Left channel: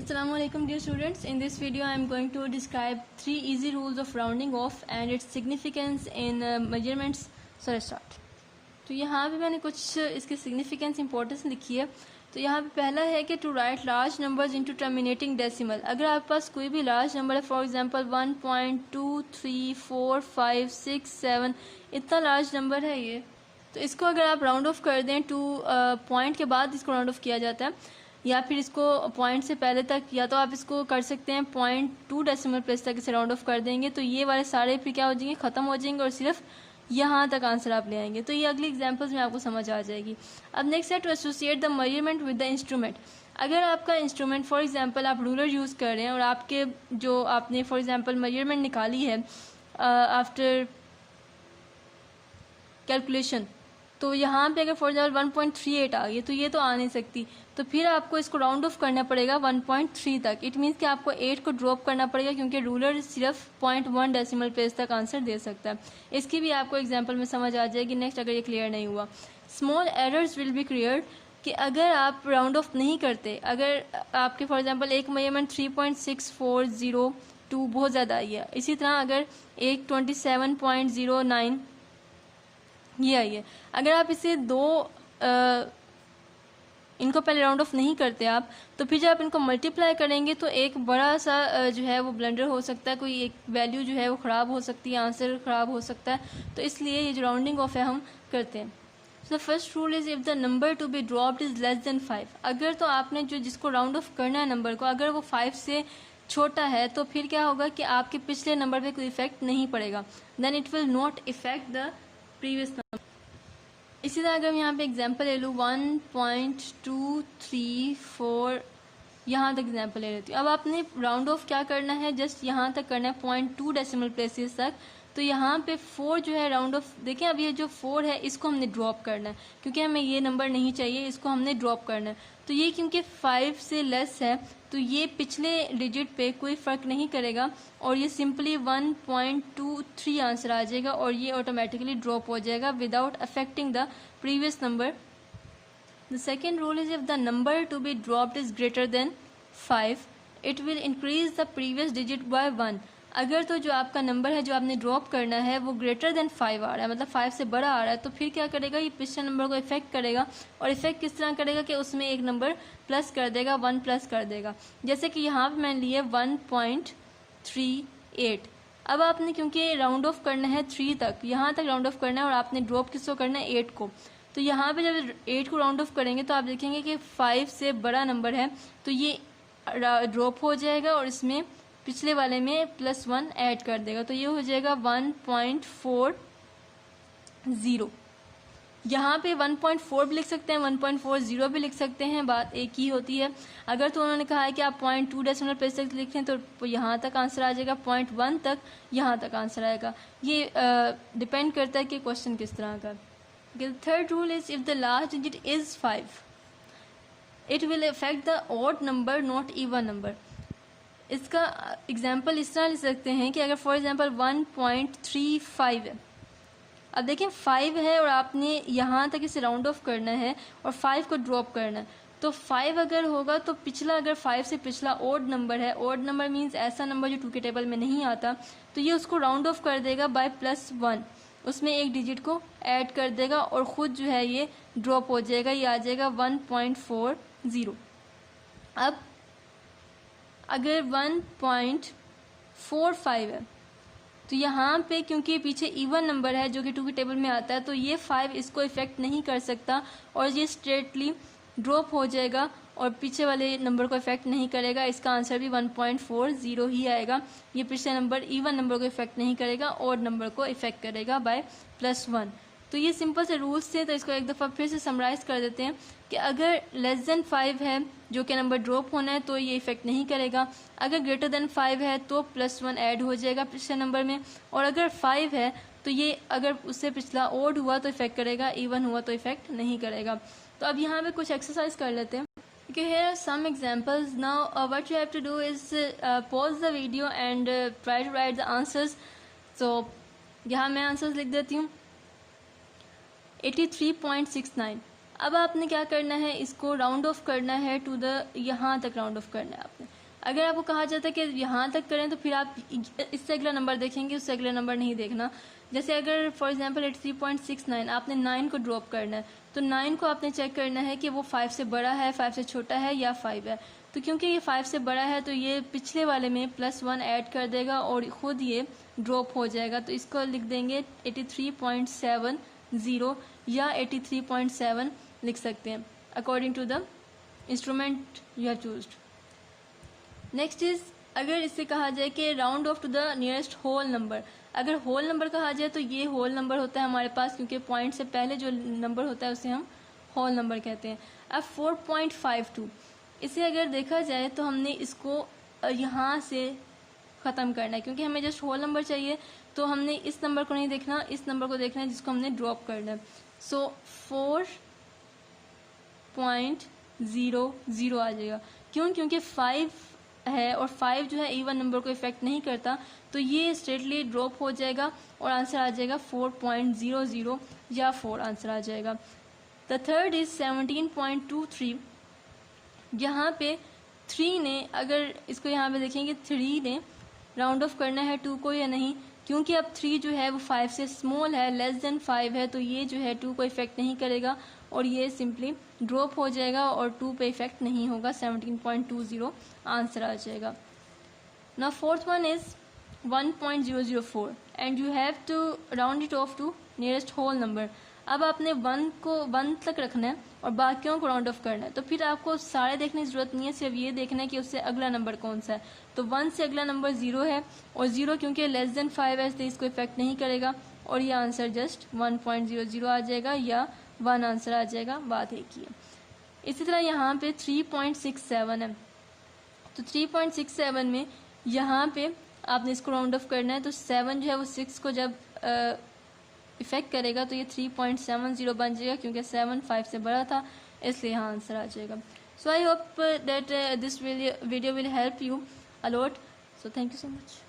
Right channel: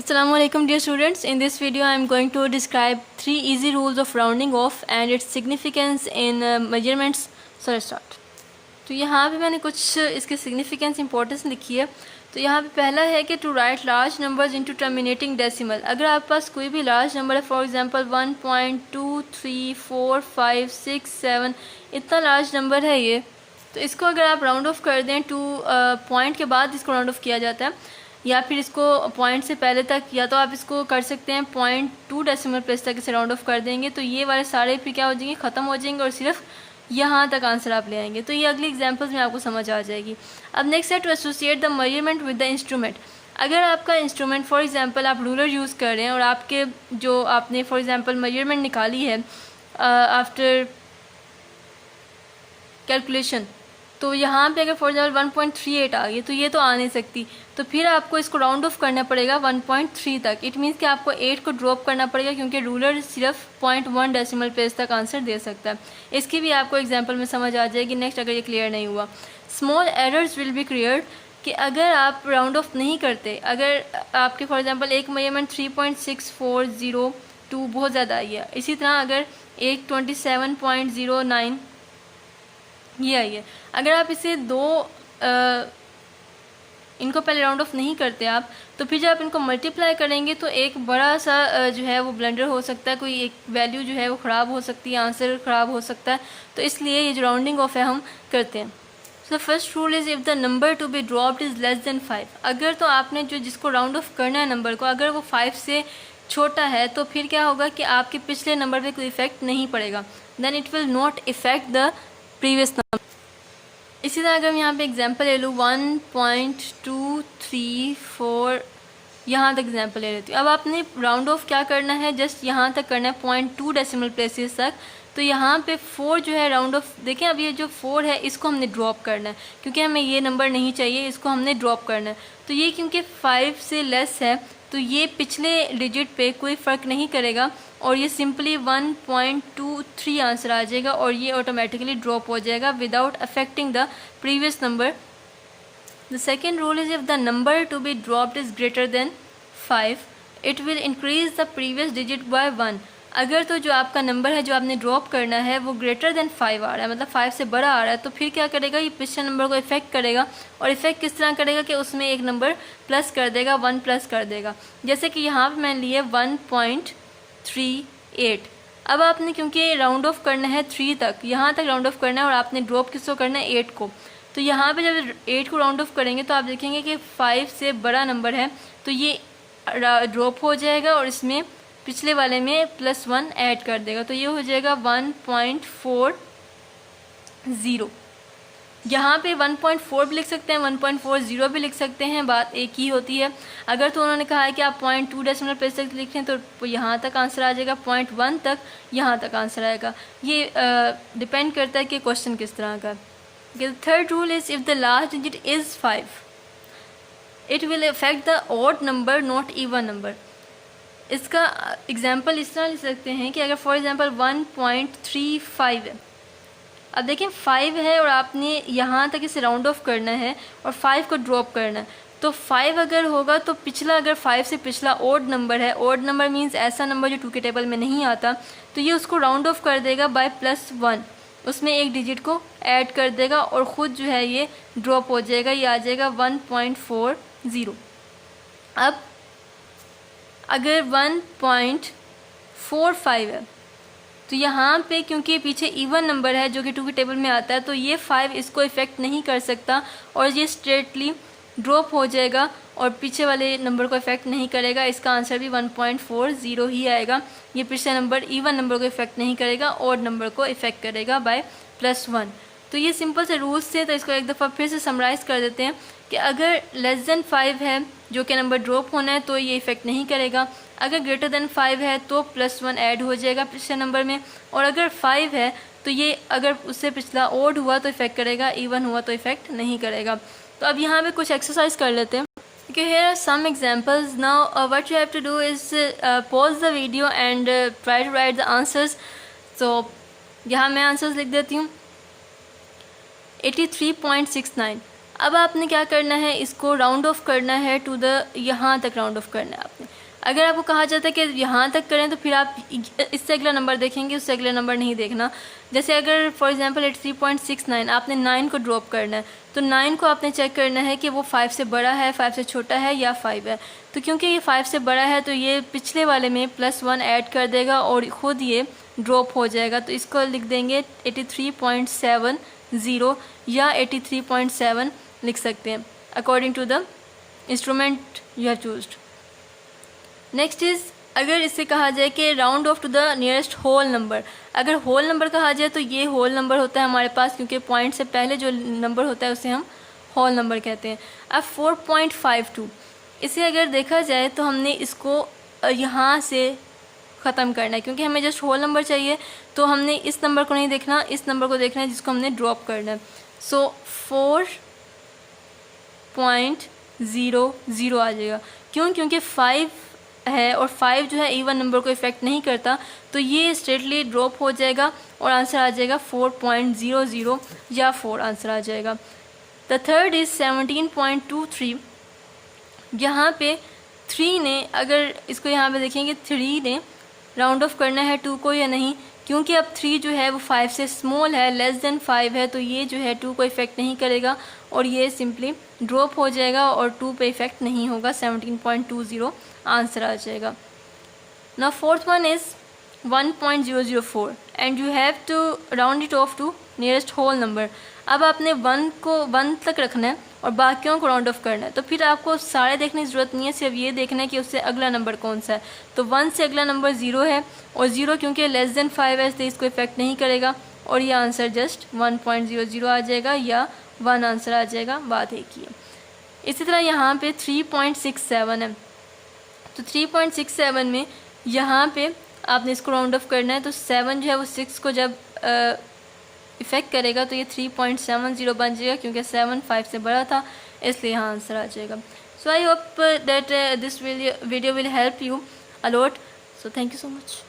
Assalamu alaikum dear students. In this video I am going to describe 3 easy rules of rounding off and its significance in measurements. So let's start. तो यहाँ पे मैंने कुछ इसके significance importance लिखी है। तो यहाँ पे पहला है कि to write large numbers into terminating decimal. अगर आपके पास कोई भी लार्ज नंबर है, फॉर एग्जांपल 1.23456 इतना लार्ज नंबर है ये, तो इसको अगर आप राउंड ऑफ कर दें टू पॉइंट के बाद इसको राउंड ऑफ किया जाता है, या फिर इसको पॉइंट से पहले तक, या तो आप इसको कर सकते हैं 0.2 डेसिमल प्लेस तक इसे राउंड ऑफ कर देंगे, तो ये वाले सारे फिर क्या हो जाएंगे, ख़त्म हो जाएंगे और सिर्फ यहाँ तक आंसर आप ले आएंगे। तो ये अगली एग्जांपल्स में आपको समझ आ जाएगी। अब नेक्स्ट है to associate the measurement with the instrument. अगर आपका इंस्ट्रूमेंट फॉर एग्जांपल आप रूलर यूज़ कर रहे हैं और आपके जो आपने फॉर एग्जांपल मेजरमेंट निकाली है आफ्टर कैलकुलेशन, तो यहाँ पे अगर फॉर एग्जाम्पल 1.38 आ गई तो ये तो आ नहीं सकती, तो फिर आपको इसको राउंड ऑफ करना पड़ेगा 1.3 तक। इट मीन्स कि आपको 8 को ड्रॉप करना पड़ेगा, क्योंकि रूलर सिर्फ 0.1 डेसिमल प्लेस तक आंसर दे सकता है। इसकी भी आपको एग्जांपल में समझ आ जाएगी नेक्स्ट, अगर ये क्लियर नहीं हुआ। Small errors will be cleared, कि अगर आप राउंड ऑफ नहीं करते, अगर आपके फॉर एग्जाम्पल एक मेजरमेंट 3.6402 बहुत ज़्यादा आई है, इसी तरह अगर एक 27.09 ये आई है, अगर आप इसे इनको पहले राउंड ऑफ नहीं करते आप, तो फिर जब आप इनको मल्टीप्लाई करेंगे तो एक बड़ा सा जो है वो ब्लंडर हो सकता है, कोई एक वैल्यू जो है वो ख़राब हो सकती है, आंसर ख़राब हो सकता है। तो इसलिए ये जो राउंडिंग ऑफ है हम करते हैं। So first rule is if the number to be dropped is less than 5। अगर तो आपने जिसको राउंड ऑफ करना है नंबर को, अगर वो 5 से छोटा है, तो फिर क्या होगा कि आपके पिछले नंबर पर कोई इफेक्ट नहीं पड़ेगा, then it will not effect the previous number. इसी तरह अगर मैं यहाँ पे एग्जांपल ले लूँ 1.234 यहाँ तक एग्जांपल ले लेती हूँ। अब आपने राउंड ऑफ क्या करना है, जस्ट यहाँ तक करना है 0.2 डेसिमल प्लेसेस तक। तो यहाँ पे 4 जो है राउंड ऑफ, देखें अब ये जो 4 है इसको हमने ड्रॉप करना है, क्योंकि हमें ये नंबर नहीं चाहिए, इसको हमने ड्रॉप करना है। तो ये क्योंकि 5 से लेस है, तो ये पिछले डिजिट पे कोई फ़र्क नहीं करेगा और ये सिंपली 1.23 आंसर आ जाएगा और ये ऑटोमेटिकली ड्रॉप हो जाएगा without affecting the previous number. The second rule is if the number to be dropped is greater than 5 it will increase the previous digit bye 1। अगर तो जो आपका नंबर है जो आपने ड्रॉप करना है वो ग्रेटर देन 5 आ रहा है, मतलब 5 से बड़ा आ रहा है, तो फिर क्या करेगा, ये पिछले नंबर को इफेक्ट करेगा। और इफेक्ट किस तरह करेगा कि उसमें एक नंबर प्लस कर देगा, 1 प्लस कर देगा। जैसे कि यहाँ पर मैंने लिए 1.38। अब आपने क्योंकि राउंड ऑफ करना है 3 तक, यहाँ तक राउंड ऑफ करना है और आपने ड्रॉप किसको करना है, 8 को। तो यहाँ पे जब 8 को राउंड ऑफ करेंगे तो आप देखेंगे कि 5 से बड़ा नंबर है, तो ये ड्रॉप हो जाएगा और इसमें पिछले वाले में +1 ऐड कर देगा, तो ये हो जाएगा 1.40। यहाँ पे 1.4 भी लिख सकते हैं, 1.40 भी लिख सकते हैं, बात एक ही होती है। अगर तो उन्होंने कहा है कि आप 0.2 डेसिमल प्लेस तक लिखें तो यहाँ तक आंसर आ जाएगा, 0.1 तक यहाँ तक आंसर आएगा। ये डिपेंड करता है कि क्वेश्चन किस तरह का। Third rule is if the last digit is 5 it will affect the odd number not even number. इसका एग्जाम्पल इस तरह ले सकते हैं कि अगर फॉर एग्जाम्पल 1.35 है, अब देखें 5 है और आपने यहाँ तक इसे राउंड ऑफ करना है और 5 को ड्रॉप करना है, तो 5 अगर होगा तो पिछला, अगर 5 से पिछला ओड नंबर है, ओड नंबर मीन्स ऐसा नंबर जो 2 के टेबल में नहीं आता, तो ये उसको राउंड ऑफ कर देगा बाय +1, उसमें एक डिजिट को ऐड कर देगा और ख़ुद जो है ये ड्रॉप हो जाएगा, ये आ जाएगा 1.40। अब अगर 1.45 है, तो यहाँ पे क्योंकि पीछे इवन नंबर है जो कि 2 के टेबल में आता है, तो ये 5 इसको इफ़ेक्ट नहीं कर सकता और ये स्ट्रेटली ड्रॉप हो जाएगा और पीछे वाले नंबर को इफ़ेक्ट नहीं करेगा। इसका आंसर भी 1.40 ही आएगा। ये पिछले नंबर इवन नंबर को इफ़ेक्ट नहीं करेगा, ऑड नंबर को इफ़ेक्ट करेगा बाय +1। तो ये सिंपल से रूल्स थे, तो इसको एक दफ़ा फिर से समराइज़ कर देते हैं कि अगर लेस देन 5 है जो कि नंबर ड्रॉप होना है तो ये इफ़ेक्ट नहीं करेगा, अगर ग्रेटर देन 5 है तो +1 ऐड हो जाएगा पिछले नंबर में, और अगर 5 है तो ये अगर उससे पिछला ओड हुआ तो इफ़ेक्ट करेगा, इवन हुआ तो इफ़ेक्ट नहीं करेगा। तो अब यहाँ पे कुछ एक्सरसाइज कर लेते हैं। Okay, here are some examples. Now what you have to do is pause the video and try to write the answers. So यहाँ मैं आंसर्स लिख देती हूँ। 83.69 अब आपने क्या करना है, इसको राउंड ऑफ करना है टू द, यहाँ तक राउंड ऑफ करना है आपने। अगर आपको कहा जाता है कि यहाँ तक करें तो फिर आप इससे अगला नंबर देखेंगे, उससे अगला नंबर नहीं देखना। जैसे अगर फॉर एग्जांपल 83.69 आपने 9 को ड्रॉप करना है, तो 9 को आपने चेक करना है कि वो 5 से बड़ा है, 5 से छोटा है या 5 है। तो क्योंकि ये 5 से बड़ा है तो ये पिछले वाले में +1 ऐड कर देगा और ख़ुद ये ड्रॉप हो जाएगा। तो इसको लिख देंगे 83.70 या 83.7 लिख सकते हैं according to the instrument you have chosen. Next is, अगर इससे कहा जाए कि round off to the nearest whole number, अगर होल नंबर कहा जाए तो ये होल नंबर होता है हमारे पास, क्योंकि पॉइंट से पहले जो नंबर होता है उसे हम होल नंबर कहते हैं। अब 4.52 इसे अगर देखा जाए तो हमने इसको यहाँ से ख़त्म करना है, क्योंकि हमें जस्ट होल नंबर चाहिए। तो हमने इस नंबर को नहीं देखना, इस नंबर को देखना है जिसको हमने ड्रॉप करना है। सो 4.00 आ जाएगा। क्यों? क्योंकि 5 है और 5 जो है इवन नंबर को इफ़ेक्ट नहीं करता, तो ये स्ट्रेटली ड्रॉप हो जाएगा और आंसर आ जाएगा 4.00 या 4 आंसर आ जाएगा। The third is 17.23। यहाँ पे 3 ने, अगर इसको यहाँ पे देखेंगे 3 ने राउंड ऑफ करना है 2 को या नहीं, क्योंकि अब 3 जो है वो 5 से स्मॉल है, लेस देन 5 है, तो ये जो है 2 को इफ़ेक्ट नहीं करेगा और ये सिंपली ड्रॉप हो जाएगा और 2 पे इफ़ेक्ट नहीं होगा। 17.20 आंसर आ जाएगा। Now fourth one is 1.004 and you have to round it off to nearest whole number. अब आपने 1 को 1 तक रखना है और बाकियों को राउंड ऑफ करना है। तो फिर आपको सारे देखने की ज़रूरत नहीं है, सिर्फ ये देखना है कि उससे अगला नंबर कौन सा है। तो 1 से अगला नंबर 0 है और 0 क्योंकि लेस देन 5 है तो इसको इफ़ेक्ट नहीं करेगा और ये आंसर जस्ट 1.00 आ जाएगा या 1 आंसर आ जाएगा। बात एक ही है। इसी तरह यहाँ पे 3.67 है, तो 3.67 में यहाँ पे आपने इसको राउंड ऑफ करना है। तो 7 जो है वो 6 को जब इफ़ेक्ट करेगा तो ये 3.70 बन जाएगा, क्योंकि 7 5 से बड़ा था, इसलिए यहाँ आंसर आ जाएगा। So I hope that this video will help you a lot. So thank you so much.